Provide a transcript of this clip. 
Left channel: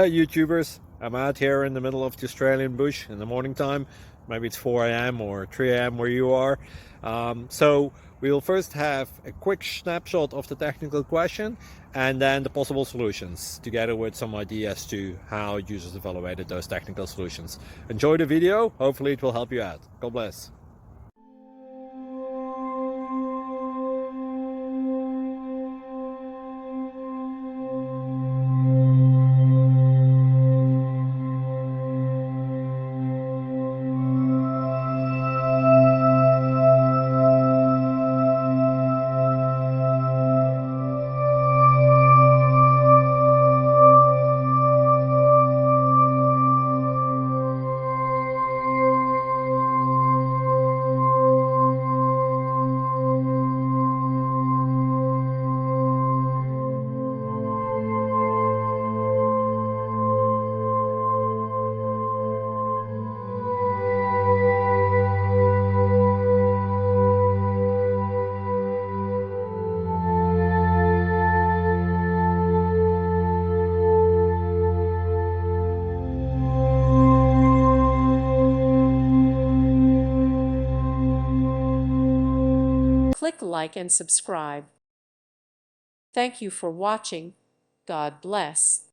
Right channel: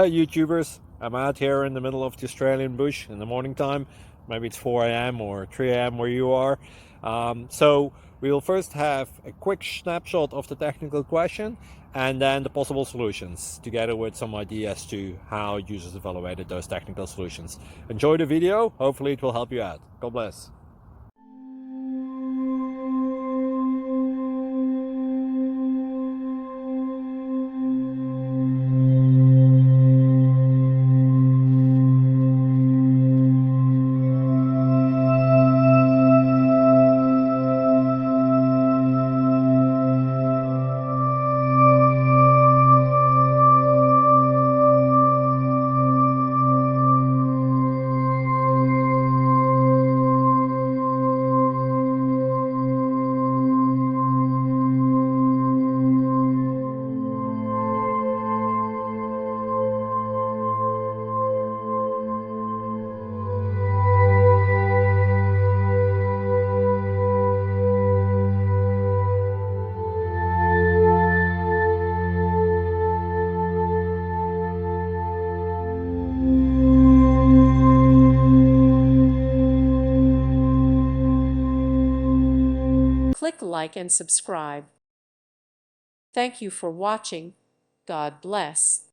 Hey YouTubers, I'm out here in the middle of the Australian bush in the morning time. Maybe it's 4 a.m. or 3 a.m. where you are. So we'll first have a quick snapshot of the technical question and then the possible solutions, together with some ideas to how users evaluated those technical solutions. Enjoy the video, hopefully it will help you out. God bless. Click like and subscribe. Thank you for watching. God bless.